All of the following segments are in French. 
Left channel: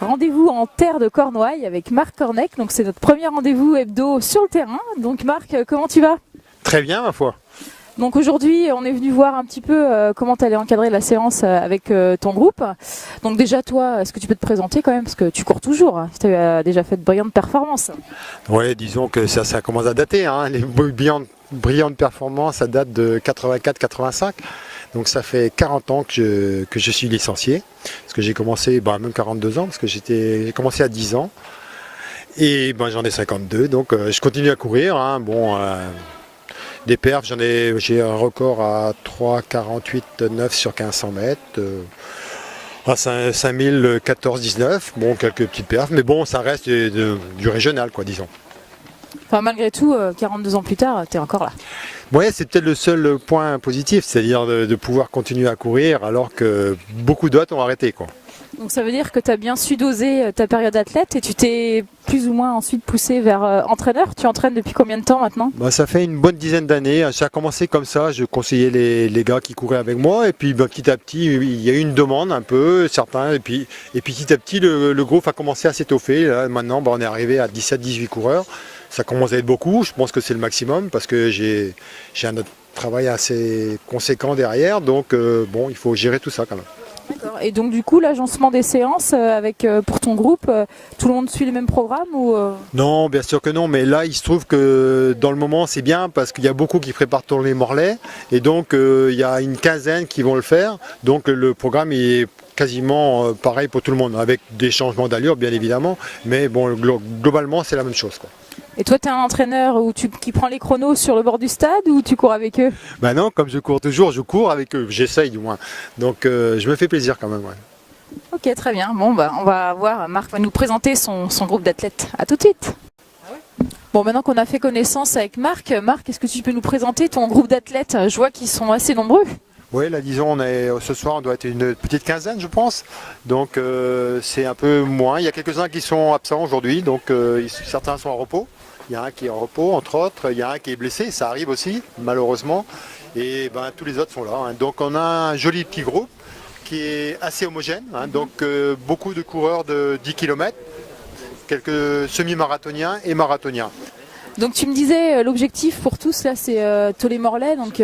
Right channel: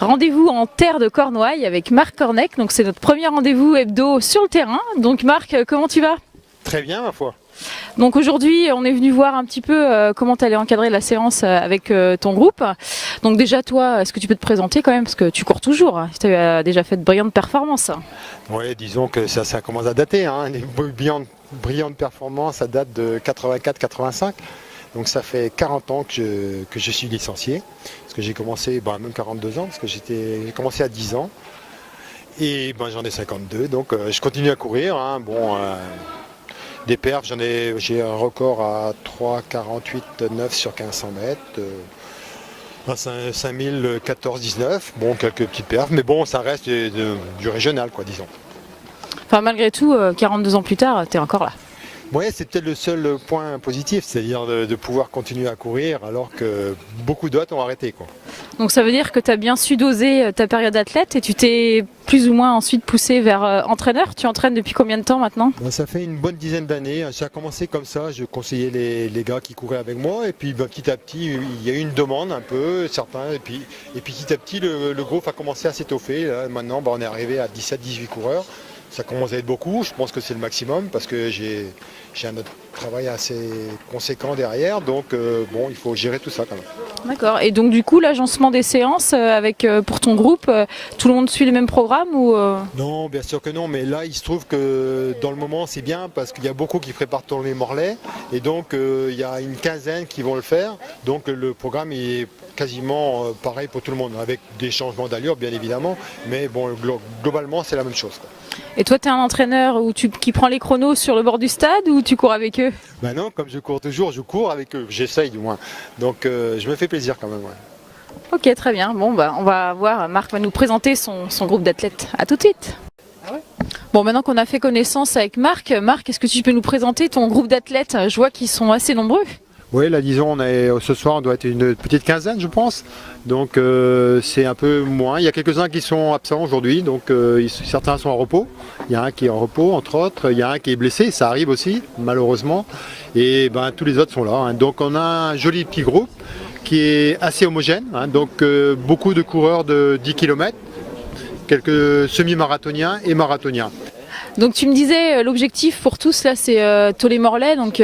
Rendez-vous en terre de Cornouailles avec Marc Cornec. Donc c'est notre premier rendez-vous hebdo sur le terrain. Donc Marc, comment tu vas? Très bien, ma foi. Donc aujourd'hui, on est venu voir un petit peu comment tu allais encadrer la séance avec ton groupe. Donc déjà toi, est-ce que tu peux te présenter quand même? Parce que tu cours toujours. Tu as déjà fait de brillantes performances. Oui, disons que ça commence à dater. Les brillantes performances, ça date de 84-85. Donc ça fait 40 ans que je suis licencié. Parce que j'ai commencé, même 42 ans, parce que j'ai commencé à 10 ans. Et j'en ai 52, donc je continue à courir. Des perfs, j'ai un record à 3,48,9 sur 1500 mètres. À 5014-19, quelques petites perfs, mais ça reste du régional, disons. Enfin, malgré tout, 42 ans plus tard, tu es encore là. Oui, c'est peut-être le seul point positif, c'est-à-dire de pouvoir continuer à courir alors que beaucoup d'autres ont arrêté, Donc ça veut dire que tu as bien su doser ta période athlète et tu t'es plus ou moins ensuite poussé vers entraîneur. Tu entraînes depuis combien de temps maintenant? Ça fait une bonne dizaine d'années. Ça a commencé comme ça, je conseillais les gars qui couraient avec moi et puis petit à petit il y a eu une demande un peu, certains, et puis petit à petit le groupe a commencé à s'étoffer. Maintenant on est arrivé à 17-18 coureurs. Ça commence à être beaucoup, je pense que c'est le maximum parce que j'ai un autre travail assez conséquent derrière, donc il faut gérer tout ça quand même. D'accord, et donc du coup l'agencement des séances pour ton groupe, tout le monde suit le même programme ou Non, bien sûr que non, mais là il se trouve que dans le moment c'est bien parce qu'il y a beaucoup qui préparent tourner Morlaix et donc il y a une quinzaine qui vont le faire, donc le programme est quasiment pareil pour tout le monde, avec des changements d'allure bien évidemment, mais globalement c'est la même chose. Et toi, tu es un entraîneur qui prend les chronos sur le bord du stade ou tu cours avec eux? Non, comme je cours toujours, je cours avec eux, j'essaye du moins. Donc je me fais plaisir quand même. Ouais. Ok, très bien. Bon, on va voir, Marc va nous présenter son groupe d'athlètes. À tout de suite. Ah ouais. Bon, maintenant qu'on a fait connaissance avec Marc, est-ce que tu peux nous présenter ton groupe d'athlètes? Je vois qu'ils sont assez nombreux. Oui, là disons, ce soir on doit être une petite quinzaine je pense, donc c'est un peu moins. Il y a quelques-uns qui sont absents aujourd'hui, donc certains sont en repos. Il y a un qui est en repos entre autres, il y a un qui est blessé, ça arrive aussi malheureusement, et tous les autres sont là. Donc on a un joli petit groupe qui est assez homogène, donc beaucoup de coureurs de 10 km, quelques semi-marathoniens et marathoniens. Donc tu me disais, l'objectif pour tous là c'est Tollet-Morlaix, donc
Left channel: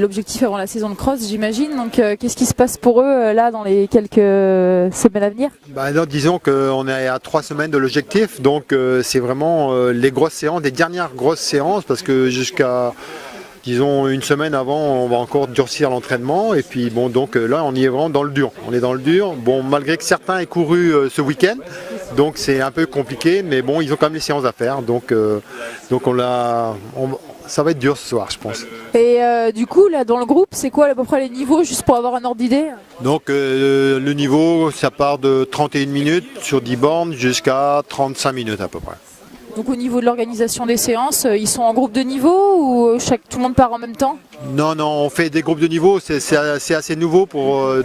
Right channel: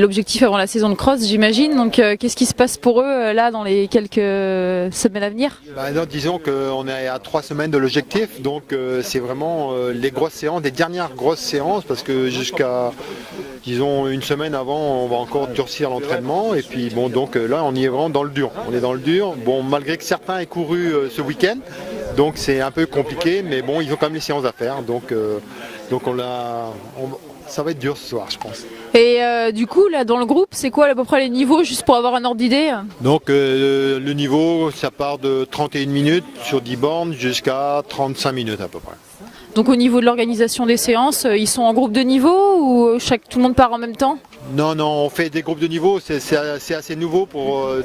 l'objectif avant la saison de cross j'imagine, donc qu'est-ce qui se passe pour eux là dans les quelques semaines à venir? Disons qu'on est à 3 semaines de l'objectif, donc c'est vraiment les grosses séances, les dernières grosses séances, parce que jusqu'à disons une semaine avant on va encore durcir l'entraînement et puis donc là on y est vraiment dans le dur, on est dans le dur, malgré que certains aient couru ce week-end. Donc c'est un peu compliqué, mais ils ont quand même les séances à faire, donc ça va être dur ce soir, je pense. Et du coup, là, dans le groupe, c'est quoi à peu près les niveaux, juste pour avoir un ordre d'idée? Donc le niveau, ça part de 31 minutes sur 10 bornes jusqu'à 35 minutes à peu près. Donc au niveau de l'organisation des séances, ils sont en groupe de niveau ou tout le monde part en même temps? Non, on fait des groupes de niveau, c'est assez nouveau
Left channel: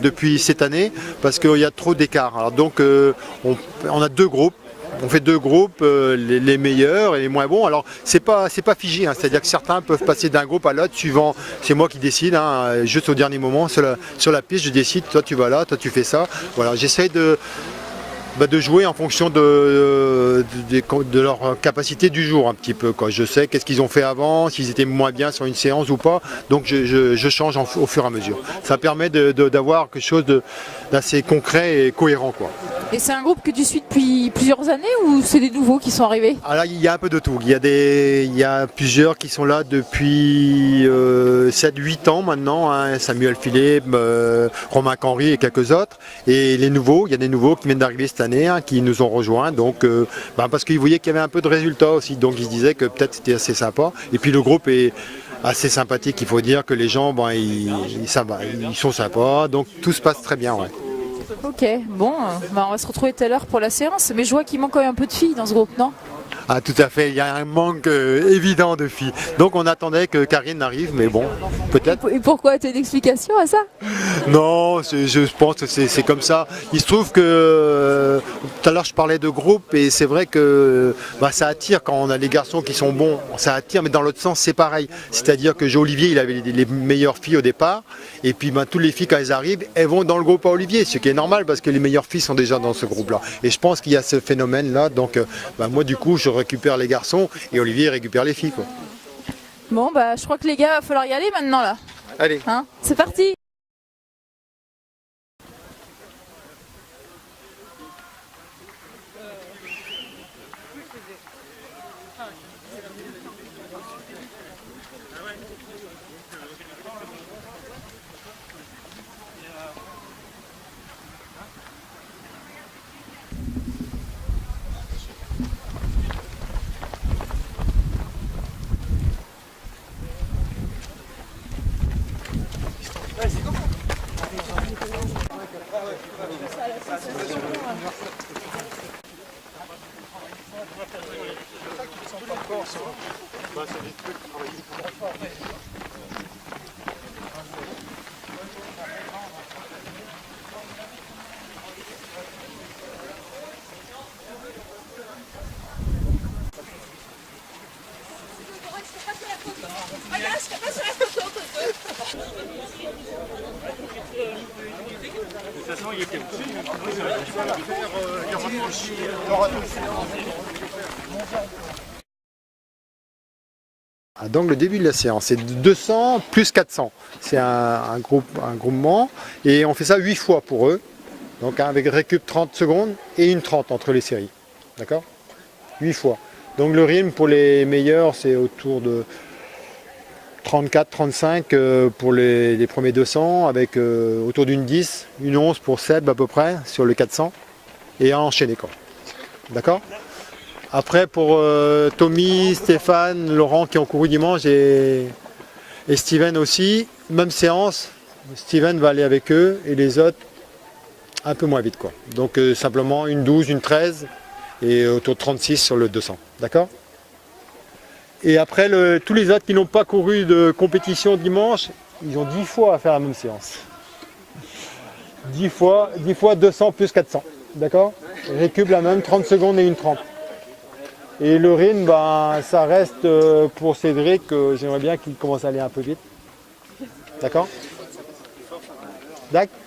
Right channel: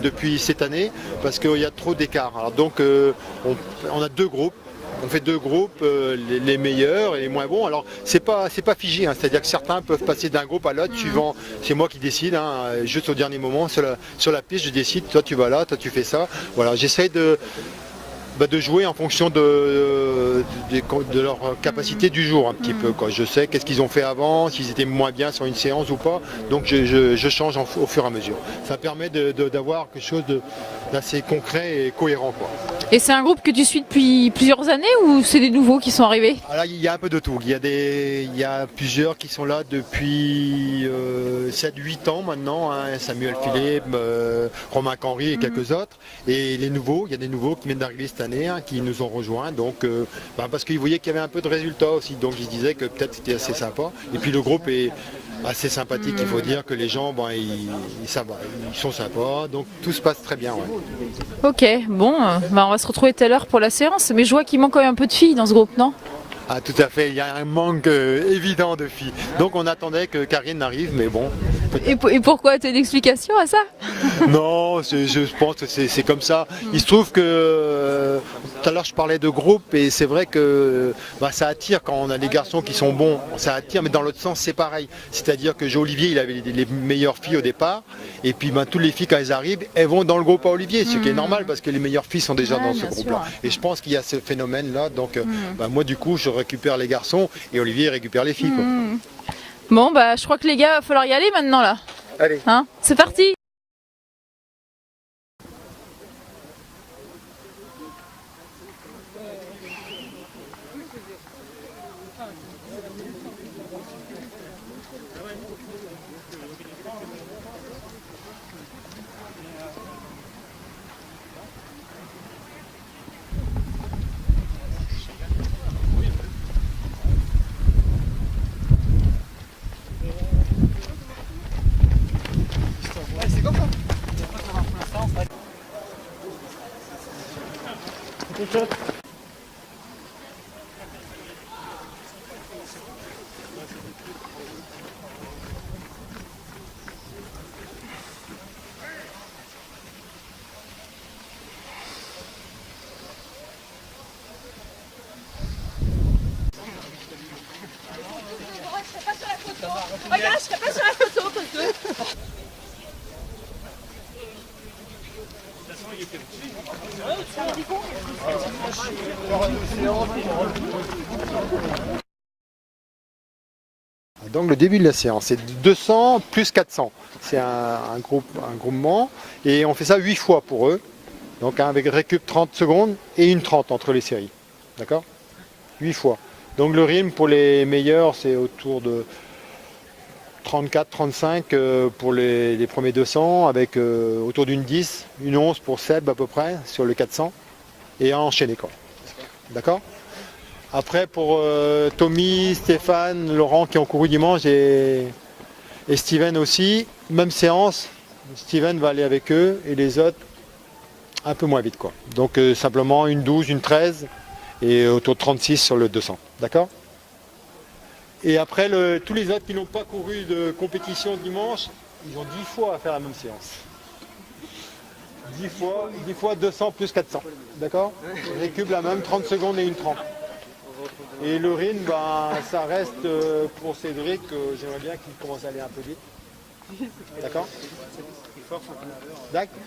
depuis cette année parce qu'il y a trop d'écart. Alors donc on a deux groupes. On fait deux groupes, les meilleurs et les moins bons. Alors c'est pas figé, c'est-à-dire que certains peuvent passer d'un groupe à l'autre suivant. C'est moi qui décide, juste au dernier moment sur la piste, je décide. Toi tu vas là, toi tu fais ça. Voilà, j'essaie de jouer en fonction de leur capacité du jour un petit peu. Je sais qu'est-ce qu'ils ont fait avant, s'ils étaient moins bien sur une séance ou pas. Donc je change au fur et à mesure. Ça permet d'avoir quelque chose d'assez concret et cohérent. Et c'est un groupe que tu suis depuis plusieurs années ou c'est des nouveaux qui sont arrivés? Là, il y a un peu de tout. Il y a plusieurs qui sont là depuis 7-8 ans maintenant. Samuel Philippe, Romain Canry et quelques autres. Et il y a des nouveaux qui viennent d'arriver cette année, qui nous ont rejoints. Donc, parce qu'ils voyaient qu'il y avait un peu de résultats aussi. Donc ils se disaient que peut-être c'était assez sympa. Et puis le groupe est assez sympathique. Il faut dire que les gens, ils sont sympas. Donc tout se passe très bien. Ouais. Ok, on va se retrouver tout à l'heure pour la séance, mais je vois qu'il manque quand même un peu de filles dans ce groupe, non? Ah, tout à fait, il y a un manque évident de filles. Donc on attendait que Karine arrive, mais bon, peut-être. Et pourquoi? Tu as une explication à ça? Non, je pense que c'est comme ça. Il se trouve que tout à l'heure je parlais de groupe et c'est vrai que bah, ça attire quand on a les garçons qui sont bons, ça attire, mais dans l'autre sens c'est pareil. C'est-à-dire que Olivier il avait les meilleures filles au départ et puis bah, toutes les filles quand elles arrivent, elles vont dans le groupe à Olivier, ce qui est normal parce que les meilleures filles sont déjà dans ce groupe-là. Et je pense qu'il y a ce phénomène-là, donc bah, moi du coup je récupère les garçons et Olivier récupère les filles. Quoi. Bon, bah je crois que les gars, va falloir y aller maintenant là. Allez. Hein, c'est parti! Regarde, je serai pas sur la photo, Toto. Donc le début de la séance, c'est 200 plus 400. C'est un groupement et on fait ça 8 fois pour eux. Donc avec récup 30 secondes et une 30 entre les séries. D'accord? 8 fois. Donc le rythme pour les meilleurs, c'est autour de 34-35 pour les premiers 200, avec autour d'une 10, une 11 pour Seb à peu près sur le 400 et à enchaîner quoi. D'accord? Après pour Tommy, Stéphane, Laurent qui ont couru dimanche et Steven aussi, même séance, Steven va aller avec eux et les autres un peu moins vite quoi. Donc simplement une 12, une 13 et autour de 36 sur le 200. D'accord? Et après tous les autres qui n'ont pas couru de compétition dimanche, ils ont 10 fois à faire la même séance. 10 fois 200 plus 400. D'accord? Récup la même, 30 secondes et une 30. Et le rythme, ben, ça reste pour Cédric, j'aimerais bien qu'il commence à aller un peu vite. D'accord? D'accord?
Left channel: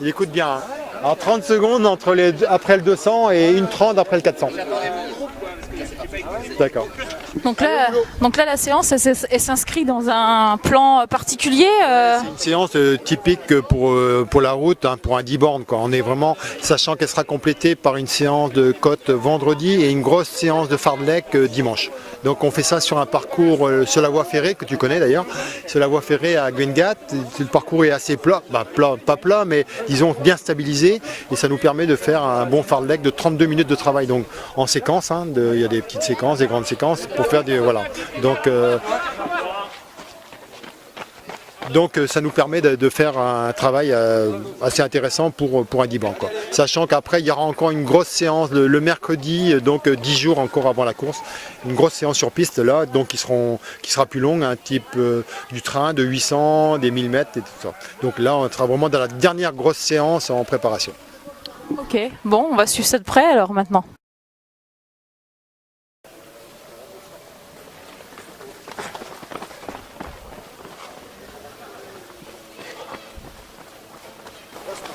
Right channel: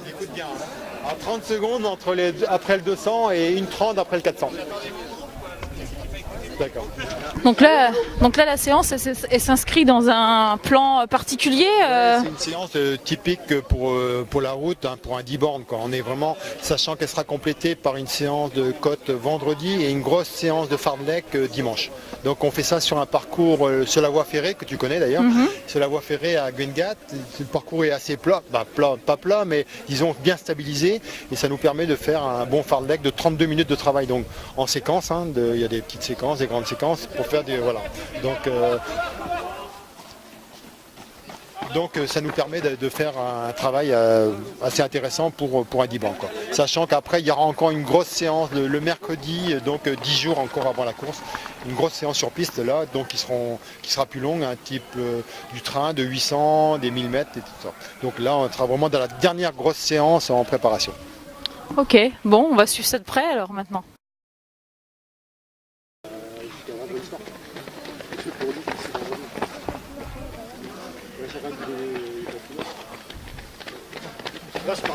Il écoute bien. Hein. Alors 30 secondes après le 200 et une 30 après le 400. D'accord. Donc là, la séance, elle s'inscrit dans un plan particulier. C'est une séance typique pour la route, hein, pour un 10 bornes. Quoi. On est vraiment, sachant qu'elle sera complétée par une séance de côte vendredi et une grosse séance de fartlek dimanche. Donc on fait ça sur un parcours sur la voie ferrée, que tu connais d'ailleurs, sur la voie ferrée à Gwengat. Le parcours est assez plat, pas plat, mais disons bien stabilisé. Et ça nous permet de faire un bon fartlek de 32 minutes de travail. Donc en séquence, hein, il y a des petites séquences, des grandes séquences pour faire des... Voilà. Donc ça nous permet de faire un travail assez intéressant pour un 10 bancs. Sachant qu'après il y aura encore une grosse séance le mercredi, donc 10 jours encore avant la course, une grosse séance sur piste là, donc qui sera plus longue, un type du train de 800, des 1000 mètres et tout ça. Donc là on sera vraiment dans la dernière grosse séance en préparation. Ok, bon, on va suivre ça de près alors maintenant.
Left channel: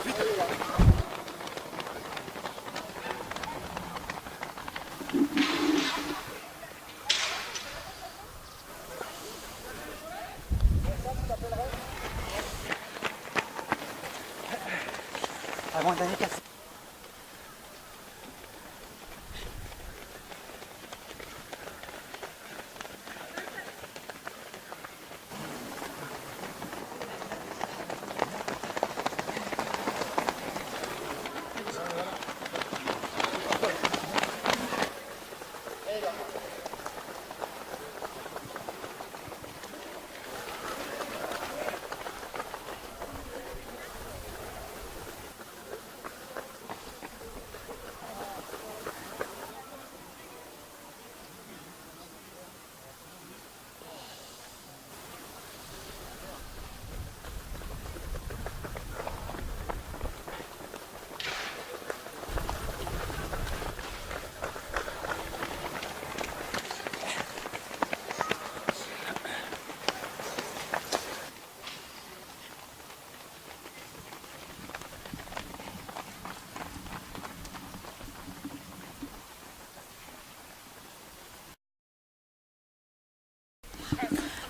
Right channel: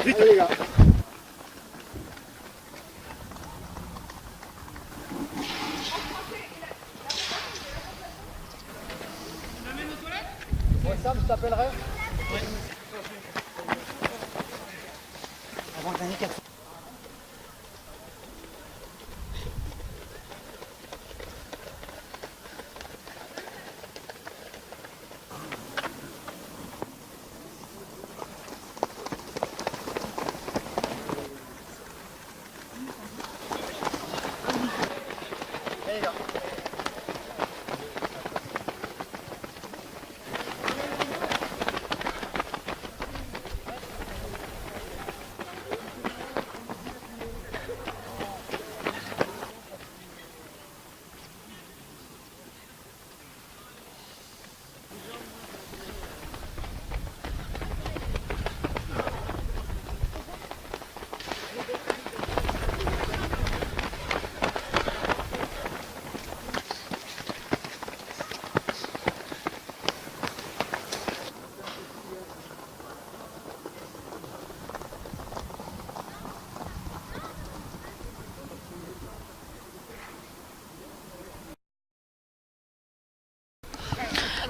Vite les gars. Sam, je t'appellerai. Avant d'année 4.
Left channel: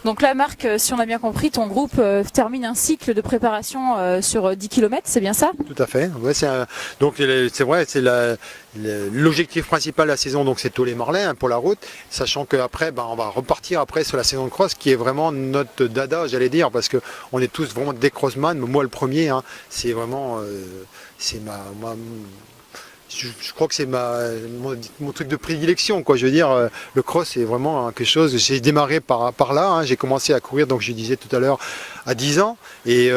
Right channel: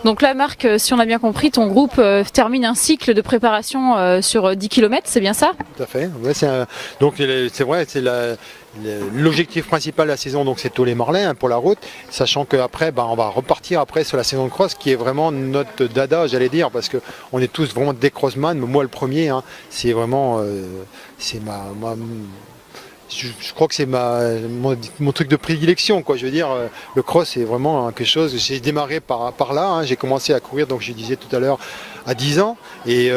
Donc là, Marc, si on a bien compris, ton groupe termine un cycle de préparation sur 10 km, c'est bien ça? Tout à fait. Ouais, donc c'est vrai, l'objectif principal de la saison, donc c'est Tollet-Morlaix pour la route, sachant qu'après, on va repartir après sur la saison de cross, qui est vraiment notre dada, j'allais dire, parce que on est tous vraiment des crossman. Moi, le premier, hein, c'est vraiment, c'est je crois que c'est mon truc de prédilection, quoi. Je veux dire, le cross, c'est vraiment quelque chose. J'ai démarré par là, hein. J'ai commencé à courir, donc je disais tout à l'heure, à 10 ans, et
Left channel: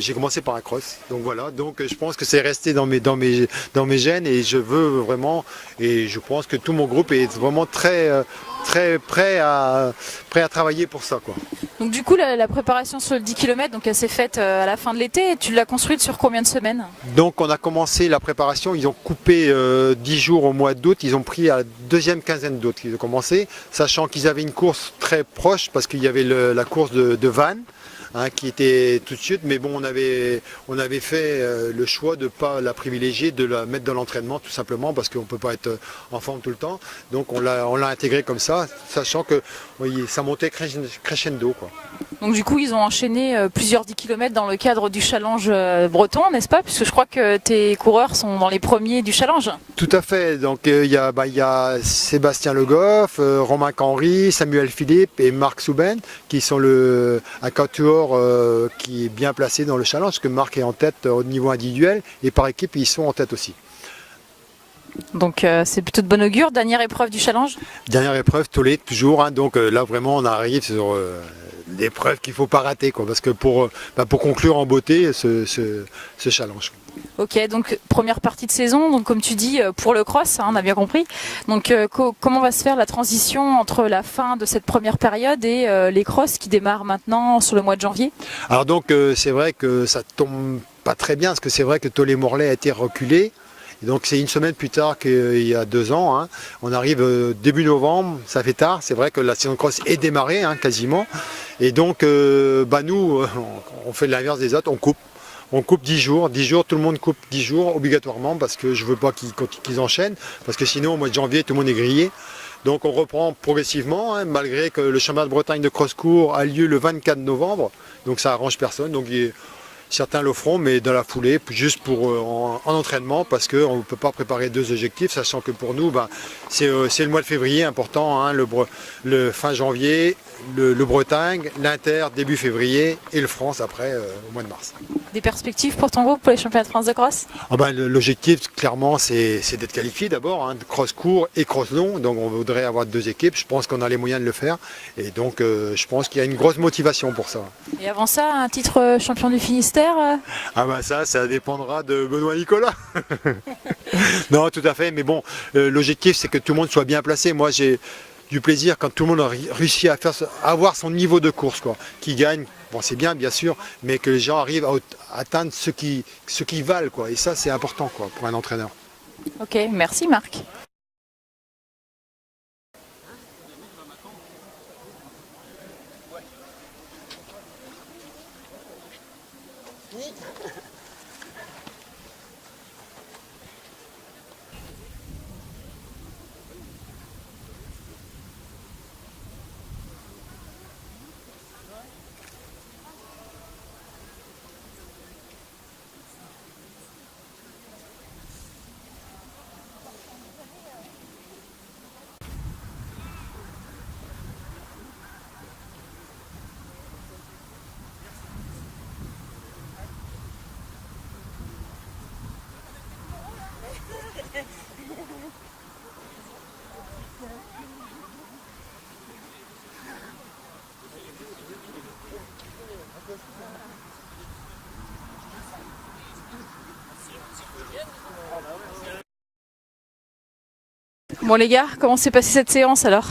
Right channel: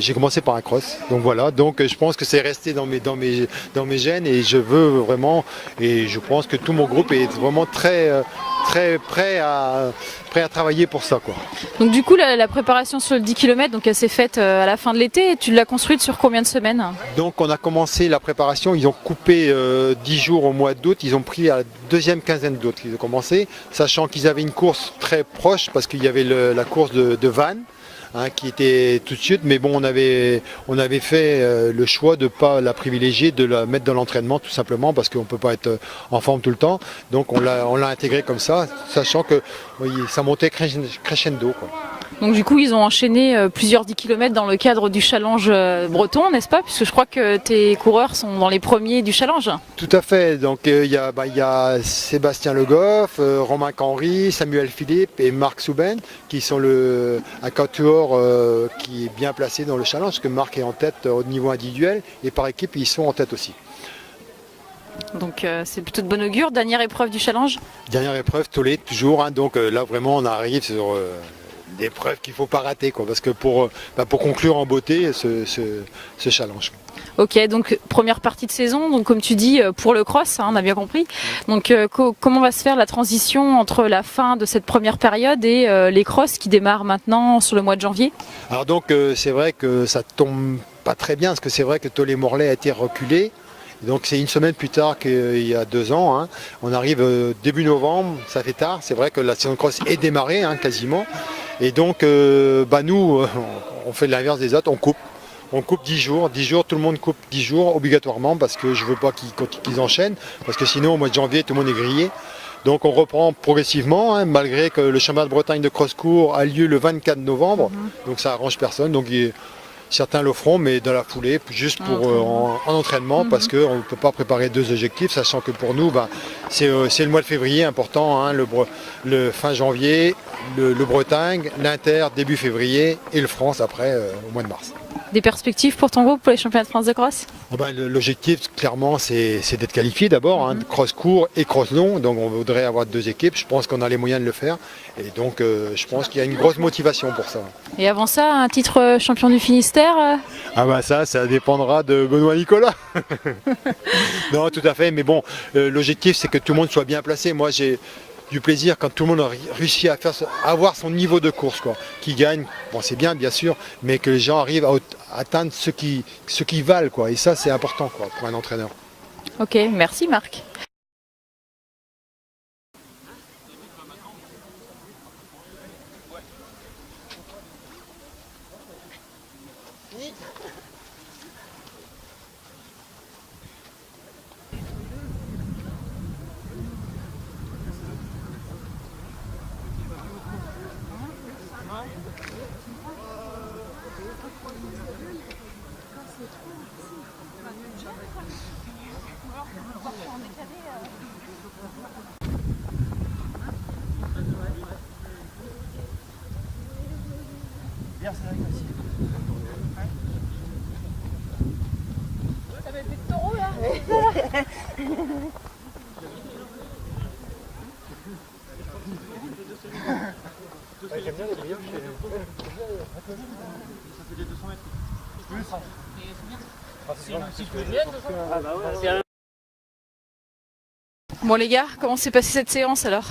j'ai commencé par un cross. Donc voilà, donc je pense que c'est resté dans mes gènes, et je veux vraiment, et je pense que tout mon groupe est vraiment très prêt à travailler pour ça, quoi. Donc du coup, la préparation sur le 10 km, donc elle s'est faite à la fin de l'été, et tu l'as construite sur combien de semaines? Donc on a commencé la préparation, ils ont coupé 10 jours au mois d'août, ils ont pris à la deuxième quinzaine d'août qu'ils ont commencé, sachant qu'ils avaient une course très proche, parce qu'il y avait la course de Vannes, hein, qui était tout de suite, mais bon, on avait fait le choix de ne pas la privilégier, de la mettre dans l'entraînement, tout simplement parce qu'on ne peut pas être en forme tout le temps. Donc on l'a intégré comme ça, sachant que oui, ça montait crescendo, quoi. Donc du coup, ils ont enchaîné plusieurs 10 km dans le cadre du challenge breton, n'est-ce pas? Puisque je crois que tes coureurs sont dans les premiers du challenge. Tout à fait. Donc il y a Sébastien Le Goff, Romain Canry, Samuel Philippe et Marc Souben qui sont un quatuor qui est bien placé dans le challenge, parce que Marc est en tête au niveau individuel, et par équipe ils sont en tête aussi. Donc c'est plutôt de bon augure. Dernière épreuve du challenge? Dernière épreuve, Tollet toujours, hein. Donc là vraiment on arrive sur l'épreuve qu'il ne faut pas rater, quoi, parce que pour conclure en beauté ce challenge. Ok, donc première partie de saison, donc comme tu dis, pour le cross, hein, on a bien compris. Donc comment va se faire la transition entre la fin de cette première période et les crosses qui démarrent maintenant sur le mois de janvier? Alors donc c'est vrai que ça tombe pas très bien, parce que c'est vrai que Tollet-Morlaix a été reculé. Donc c'est une semaine plus tard qu'il y a 2 ans, hein. On arrive début novembre, ça fait tard. C'est vrai que la saison de cross est démarrée, hein, quasiment. Et donc nous, on fait l'inverse des autres, on coupe. On coupe 10 jours, tout le monde coupe 10 jours obligatoirement, parce que je ne veux pas qu'ils enchaînent, parce que sinon au mois de janvier tout le monde est grillé. Donc on reprend progressivement, hein, malgré que le championnat de Bretagne de cross-court a lieu le 24 novembre, donc ça arrange personne. Donc certains le feront, mais dans la foulée, juste pour en entraînement, parce qu'on ne peut pas préparer 2 objectifs, sachant que pour nous, c'est le mois de février important, hein, le fin janvier, le Bretagne, l'Inter début février, et le France après au mois de mars. Des perspectives pour ton groupe pour les championnats de France de cross? L'objectif, clairement, c'est d'être qualifié d'abord, hein, cross court et cross long. Donc on voudrait avoir 2 équipes. Je pense qu'on a les moyens de le faire. Et donc je pense qu'il y a une grosse motivation pour ça. Et avant ça, un titre champion du Finistère? Ça dépendra de Benoît Nicolas. Non, tout à fait. Mais bon, l'objectif, c'est que tout le monde soit bien placé. Moi, j'ai du plaisir quand tout le monde a réussi à avoir son niveau de course, quoi. Qui gagne, bon c'est bien sûr, mais que les gens arrivent à atteindre ce qui valent, quoi. Et ça c'est important, quoi, pour un entraîneur. Ok, merci Marc. Bon les gars, comment s'est passée cette séance alors?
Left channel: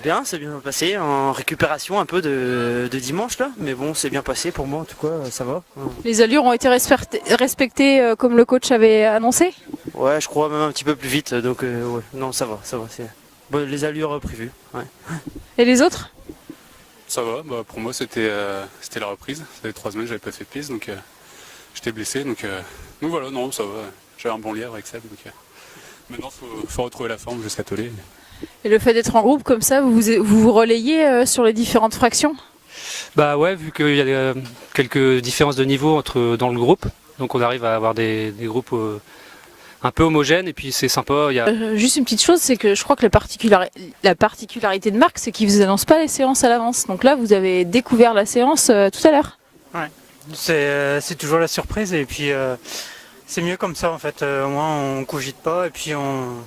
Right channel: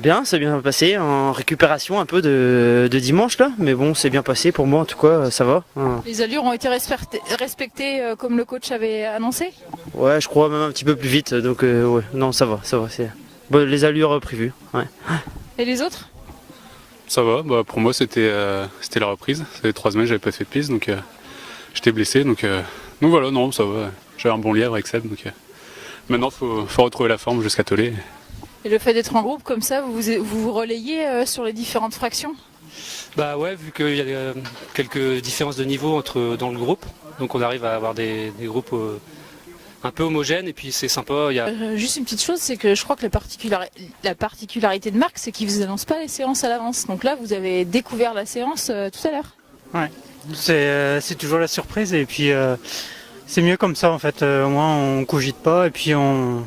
Bien, c'est bien passé, en récupération un peu de dimanche là, mais bon c'est bien passé pour moi en tout cas, ça va. Les allures ont été respectées comme le coach avait annoncé? Ouais, je crois même un petit peu plus vite, donc ouais, non ça va, c'est bon, les allures prévues. Ouais. Et les autres? Ça va, pour moi c'était la reprise, ça fait 3 semaines que j'avais pas fait de piste, donc j'étais blessé, donc voilà, non ça va, j'avais un bon lièvre avec Seb, donc maintenant faut retrouver la forme jusqu'à Tollet. Et le fait d'être en groupe comme ça, vous relayez sur les différentes fractions? Bah ouais, vu qu'il y a quelques différences de niveau dans le groupe, donc on arrive à avoir des groupes un peu homogènes et puis c'est sympa. Juste une petite chose, c'est que je crois que la particularité de Marc, c'est qu'il vous annonce pas les séances à l'avance. Donc là, vous avez découvert la séance tout à l'heure. Ouais, c'est toujours la surprise et puis c'est mieux comme ça en fait. Au moins on cogite pas et puis on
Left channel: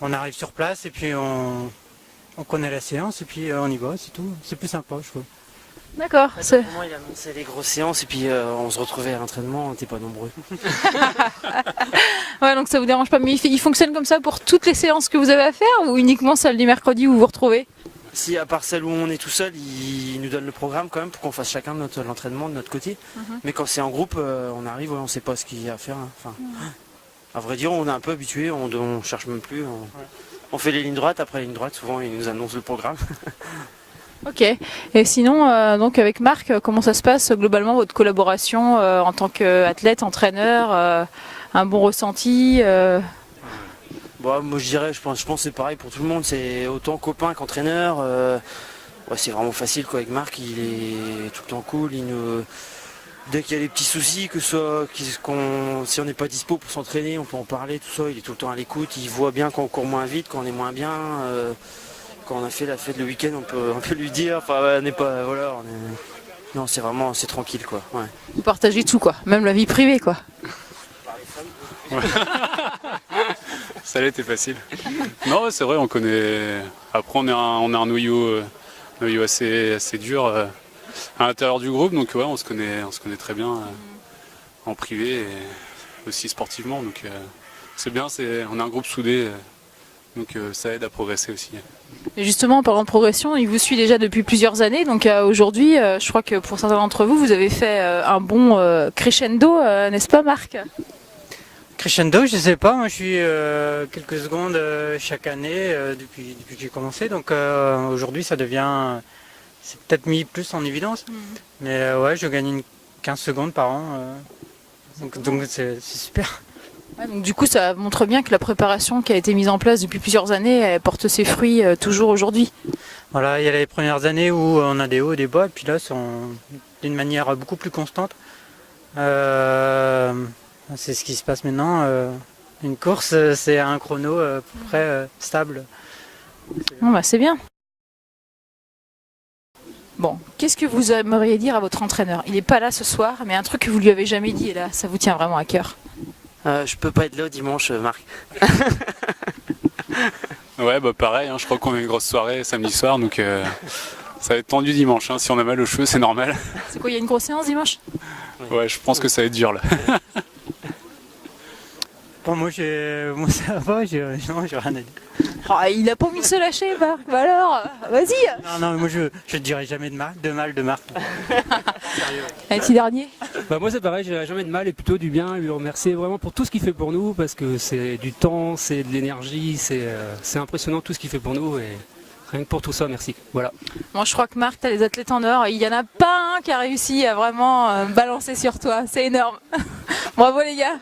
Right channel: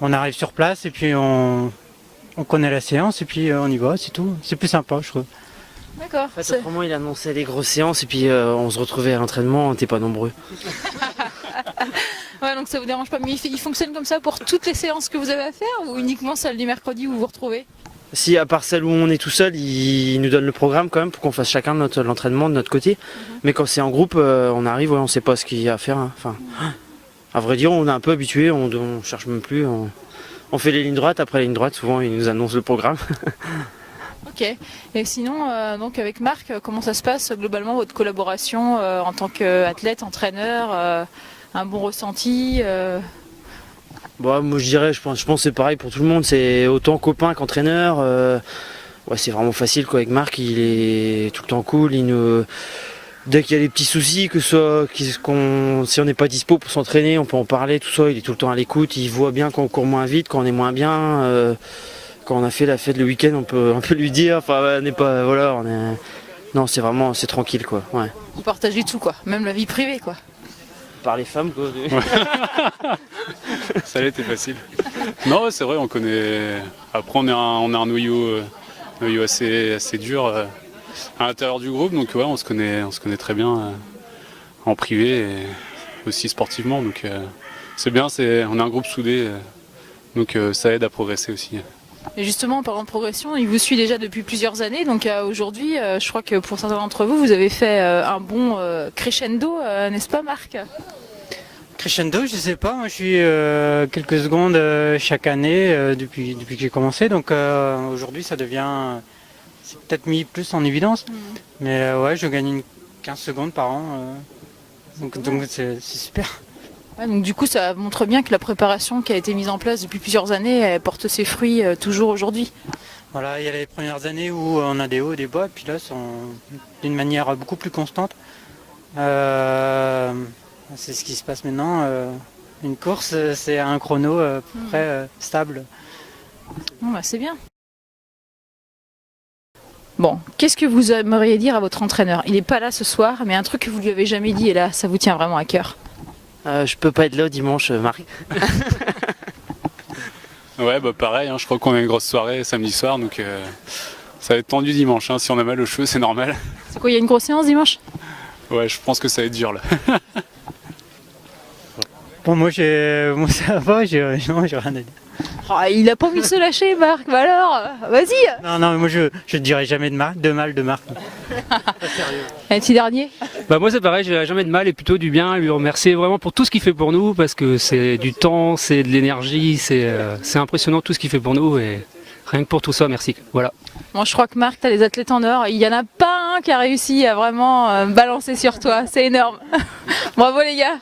arrive sur place et puis on connaît la séance et puis on y va, c'est tout. C'est plus sympa, je trouve. D'accord. Pour moi, il annonçait les grosses séances et puis on se retrouvait à l'entraînement, on n'était pas nombreux. Ouais, donc ça vous dérange pas. Mais il fonctionne comme ça pour toutes les séances que vous avez à faire ou uniquement celle du mercredi où vous vous retrouvez? Si, à part celle où on est tout seul, il nous donne le programme quand même pour qu'on fasse chacun l'entraînement de notre côté. Mais quand c'est en groupe, on arrive, on sait pas ce qu'il y a à faire. Hein. Enfin, à vrai dire, on est un peu habitué, on cherche même plus. On fait les lignes droites, après les lignes droites, souvent ils nous annoncent le programme. Ok. Et sinon, donc avec Marc, comment ça se passe globalement votre collaboration en tant qu'athlète, entraîneur, un bon ressenti Bon, moi je pense que c'est pareil pour tout le monde, c'est autant copain qu'entraîneur. Ouais, c'est vraiment facile quoi. Avec Marc, il est tout le temps cool. Dès qu'il y a des petits soucis, que ce soit si on n'est pas dispo pour s'entraîner, on peut en parler, tout ça. Il est tout le temps à l'écoute. Il voit bien quand on court moins vite, quand on est moins bien. Quand on a fait la fête le week-end, on peut lui dire. Enfin, on n'est pas, voilà, non, c'est tranquille quoi. Ouais. Vous partagez tout quoi, même la vie privée quoi. Par les femmes quoi. Ça l'était facile. Non, c'est vrai, on connaît. Après, on est un noyau assez dur à l'intérieur du groupe, donc ouais, on se connaît très bien en privé et aussi sportivement. Donc c'est bien, on est un groupe soudé, donc ça aide à progresser aussi. Et justement, en parlant de progression, il vous suit déjà depuis plusieurs années. Donc aujourd'hui, je crois que pour certains d'entre vous, vous avez fait un bon crescendo, n'est-ce pas Marc? Crescendo, je sais pas, moi je suis quelques secondes chaque année depuis que j'ai commencé. Donc aujourd'hui c'est peut-être mis plus en évidence. Mais ouais, je gagne 15 secondes par an. Donc c'est super. Ouais, donc du coup, ça montre bien que la préparation qui a été mise en place depuis plusieurs années, elle porte ses fruits toujours aujourd'hui. Voilà, il y a les premières années où on a des hauts et des bas, et puis là, c'est d'une manière beaucoup plus constante. C'est ce qui se passe maintenant. Une course, c'est un chrono à peu près stable. Bon, bah, c'est bien. Bon, qu'est-ce que vous aimeriez dire à votre entraîneur? Il n'est pas là ce soir, mais un truc que vous lui avez jamais dit, et là, ça vous tient vraiment à cœur. Je peux pas être là dimanche, Marc. Ouais, bah pareil, hein, je crois qu'on a une grosse soirée samedi soir, donc ça va être tendu dimanche. Hein. Si on a mal aux cheveux, c'est normal. C'est quoi, il y a une grosse séance dimanche? Ouais, je pense que ça va être dur là. Bon, moi ça va, j'ai rien à dire. Oh, il a pas envie de se lâcher, Marc. Bah alors, vas-y. Non, mais moi je ne dirai jamais de mal de Marc. Sérieux. Un petit dernier. Bah moi c'est pareil, je dirais jamais de mal et plutôt du bien, lui remercier vraiment pour tout ce qu'il fait pour nous parce que c'est du temps, c'est de l'énergie, c'est impressionnant tout ce qu'il fait pour nous et rien que pour tout ça, merci. Voilà. Bon, je crois que Marc, tu as les athlètes en or. Il y en a pas un qui a réussi à vraiment balancer sur toi. C'est énorme. Bravo les gars.